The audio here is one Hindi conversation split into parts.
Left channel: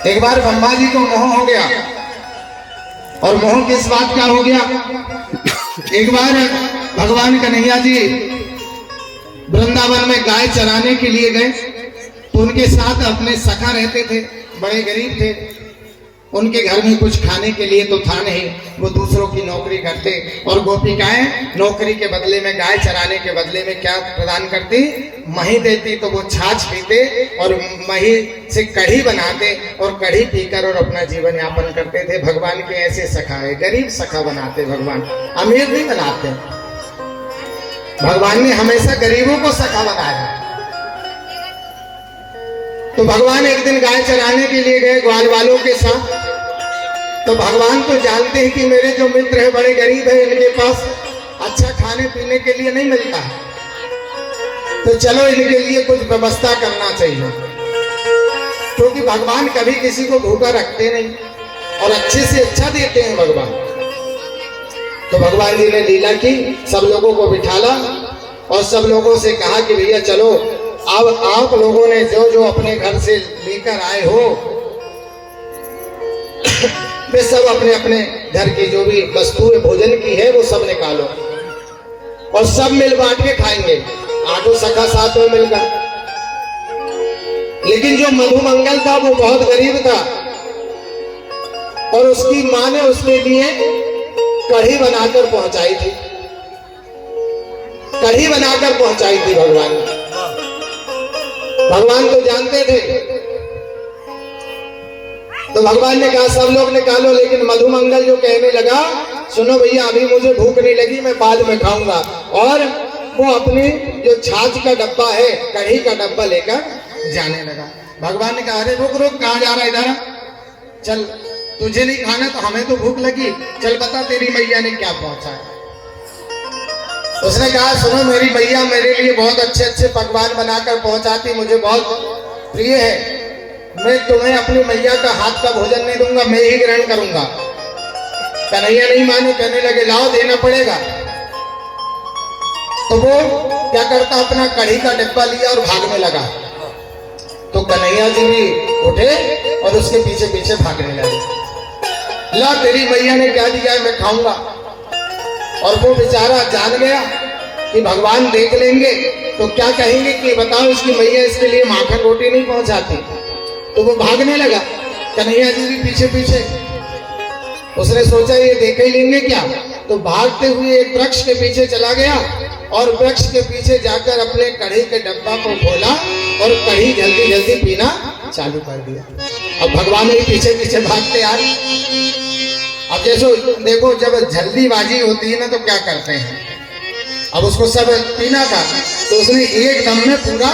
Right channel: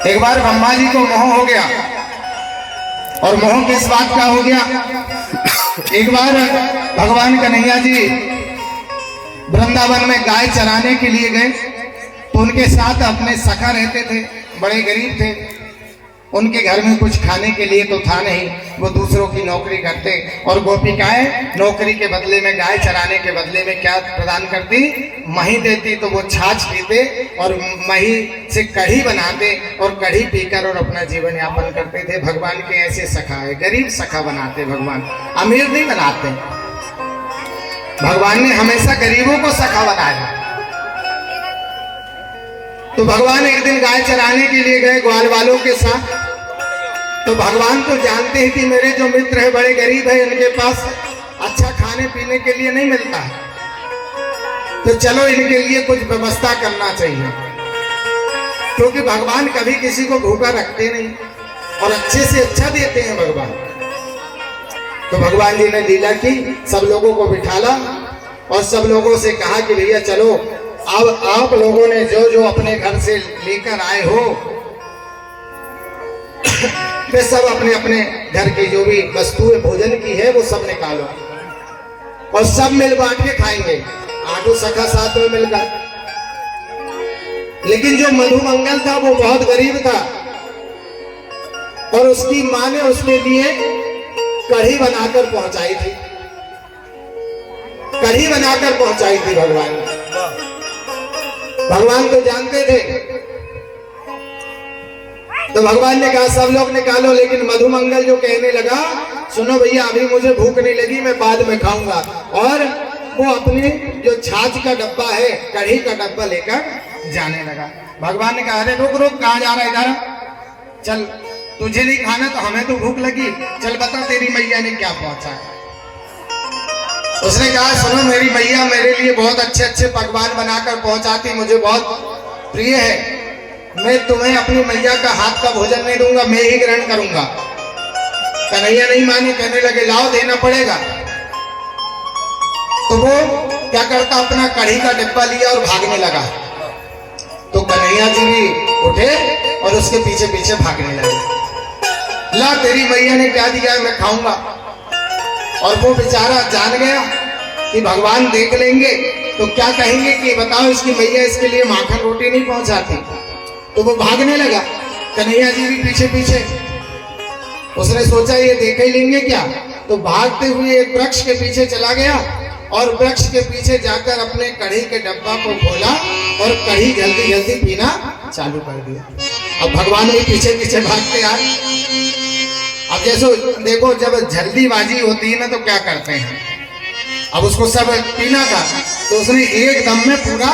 एक बार ब्रह्मा जी को मोह हो गया, और मोह किस बात का हो गया। एक बार भगवान कन्हैया जी वृंदावन में गाय चराने के लिए गए, तो उनके साथ अपने सखा रहते थे, बड़े गरीब थे। उनके घर में कुछ खाने के लिए तो था नहीं, वो दूसरों की नौकरी करते, और गोपिकाएं नौकरी के बदले में, गाय चराने के बदले में क्या प्रदान करती, मही देती। तो वो छाछ पीते और मही से कढ़ी बनाते, और कढ़ी पीकर और अपना जीवन यापन करते थे। भगवान के ऐसे सखा है, गरीब सखा बनाते भगवान, अमीर नहीं बनाते। भगवान ने हमेशा गरीबों को सखा बनाया। तो भगवान एक दिन गाय चराने के लिए गए ग्वाल वालों के साथ। तो भगवान तो जानते हैं कि मेरे जो मित्र हैं बड़े गरीब हैं, इनके पास अच्छा खाने पीने के लिए नहीं मिलता है, तो चलो इनके लिए कुछ व्यवस्था करना चाहिए, क्योंकि भगवान कभी किसी को भूखा रखते नहीं और अच्छे से अच्छा देते हैं भगवान। तो भगवान जी ने लीला की, सब लोगों को बिठाला और सब लोगों से कहा कि भैया चलो, अब आप लोगों ने जो जो अपने घर से लेकर आए हो, वे सब अपने अपने घर की जो भी वस्तुएं भोजन की है वो सब निकालो, और सब मिल बांट के खाएंगे। आठों सखा साथ में मिलकर। लेकिन जो मधुमंगल था वो बहुत गरीब था, और उसकी मां ने उसके लिए कढ़ी बनाकर पहुंचाई थी, कढ़ी बनाकर पहुंचाई थी भगवान ने। भगवान तो जानते थे, तो भगवान ने कहा सब लोग निकालो। लेकिन मधुमंगल जो कहने लगा, सुनो भैया अभी मुझे भूख नहीं लगी, मैं बाद में खाऊंगा। और वो अपने जो छाछ का डब्बा है, कढ़ी का डब्बा लेकर जाने लगा। भगवान ने कहा अरे रुक रुक, कहाँ जा रहा है, इधर चल, तुझे नहीं खाना तो हमें तो भूख लगी, चल बता तेरी मैया ने क्या पहुंचा है। उसने कहा सुनो, मेरी मैया मेरे लिए बहुत अच्छे अच्छे पकवान बनाकर पहुंचाती, मुझे बहुत प्रिय है, मैं तुम्हें अपनी मैया का हाथ का भोजन नहीं दूंगा, मैं ही ग्रहण करूंगा। कन्हैया नहीं माने, कहने लगे लाओ देना पड़ेगा। तो वो क्या करता, अपना कढ़ी का डिब्बा लिया और भागने लगा। तो कन्हैया जी भी उठे और उसके पीछे पीछे भागने लगे। ला तेरी मैया ने क्या दिया है, मैं खाऊंगा। और वो बेचारा जान गया कि भगवान देख लेंगे तो क्या कहेंगे कि बताओ इसकी मैया इसके लिए माखन रोटी नहीं पहुंचाती। तो वो भागने लगा, कन्हैया जी भी पीछे पीछे। उसने सोचा ये देख ही लेंगे क्या, तो भागते हुए एक वृक्ष के पीछे चला गया, और वृक्ष के पीछे जाकर अपने कढ़ी के डब्बा को खोला और कढ़ी जल्दी जल्दी पीना चालू कर दिया। अब भगवान भी पीछे पीछे भागते आए। अब जैसे देखो, जब जल्दीबाजी होती है ना तो क्या करते हैं, अब उसको सब पीना था, तो उसने एक दम में पूरा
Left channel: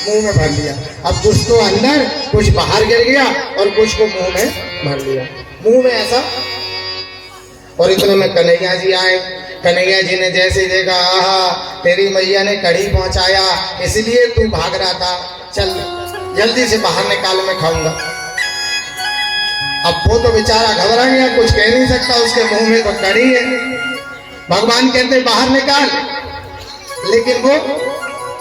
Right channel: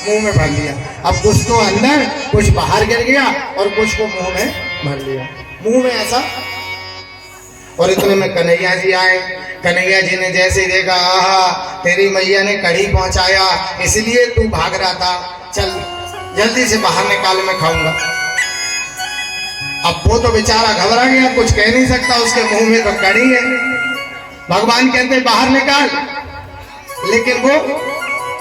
मुंह में भर लिया। अब कुछ तो अंदर, कुछ बाहर गिर गया, और कुछ को मुंह में भर लिया, मुंह में ऐसा। और इतने में कन्हैया जी आए। कन्हैया जी ने जैसे देखा, आहा तेरी मैया ने कढ़ी पहुंचाया, इसलिए तू भाग रहा था, चल जल्दी से बाहर निकाल, मैं खाऊंगा। अब वो तो बेचारा घबरा गया, कुछ कह नहीं सकता, उसके मुंह में तो कढ़ी है। भगवान कहते बाहर निकाल, लेकिन वो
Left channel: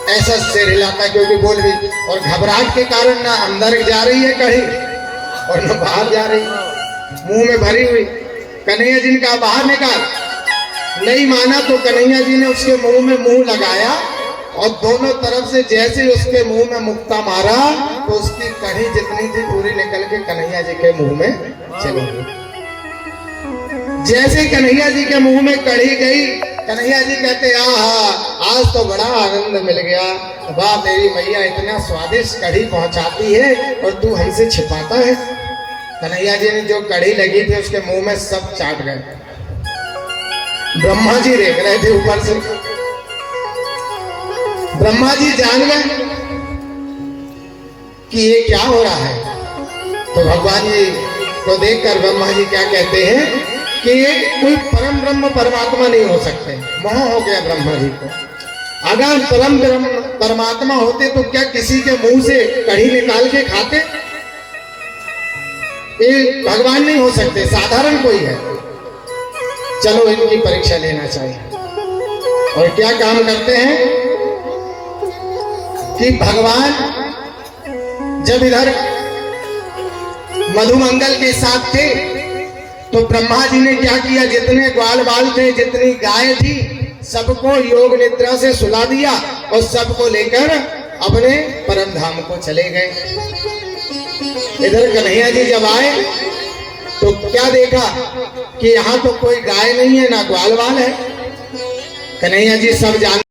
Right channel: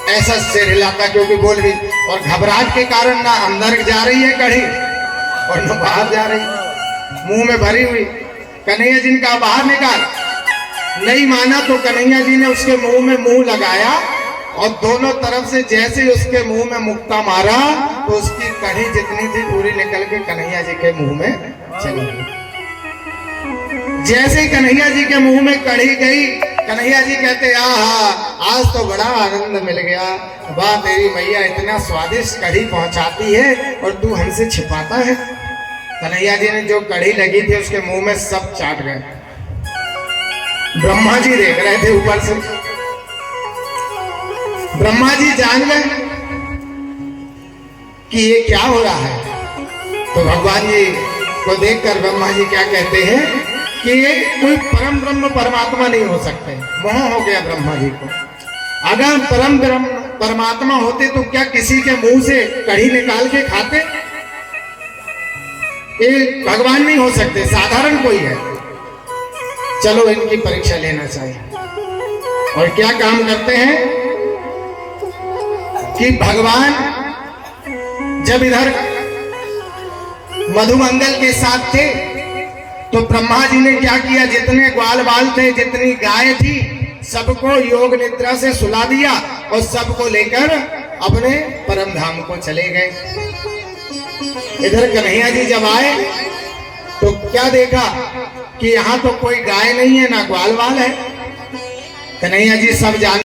ऐसा सिर हिलाता क्योंकि बोल भी, और घबराहट के कारण ना अंदर जा रही है कढ़ी और ना बाहर जा रही, मुंह में भरी हुई। कन्हैया जी ने कहा बाहर निकाल, नहीं माना। तो कन्हैया जी ने उसके मुंह में मुंह लगाया, और दोनों तरफ से जैसे उसके मुंह में मुक्का मारा, तो उसकी कढ़ी जितनी थी पूरी निकल के कन्हैया जी के मुंह में चली गई। जैसे ही कन्हैया जी के मुंह में कढ़ी गई, कन्हैया जी कहते आहा आज तो बड़ा आनंद मिल गया, वाह तेरी मैया इतना स्वादिष्ट कढ़ी पहुंचाती है और तू हमसे छिपाता है। कन्हैया जी ने जो कढ़ी लगी थी उसके मुंह में सब चाट गए। ब्रह्मा जी देख रहे थे ऊपर से, ब्रह्मा जी जान गए कि ये क्या हो रहा है। तो भगवान जी को देखकर ब्रह्मा जी क्या कहते हैं कि ये कोई परम ब्रह्म परमात्मा नहीं हो सकते। मोह हो गया ब्रह्मा जी को। अगर परम ब्रह्म परमात्मा होते तो क्या किसी के मुंह से कढ़ी निकाल के खाते? ये भगवान नहीं हो सकते, साधारण कोई है। चलो इनकी परीक्षा लेना चाहिए। और क्या काम करते हैं कि भगवान जब इधर मधुमंगल के साथ थे। तो ब्रह्मा जी ने क्या किया, जितने ग्वाल बाल थे, जितनी गाय थी, सबको योग निद्रा से सुला दिया और सबको लेकर अपने परम धाम को चले गए। इधर कन्हैया जी जब आए तो क्या देखा कि यहाँ तो कोई गाय नहीं है, ना ग्वाल बाल है। कन्हैया जी सब जान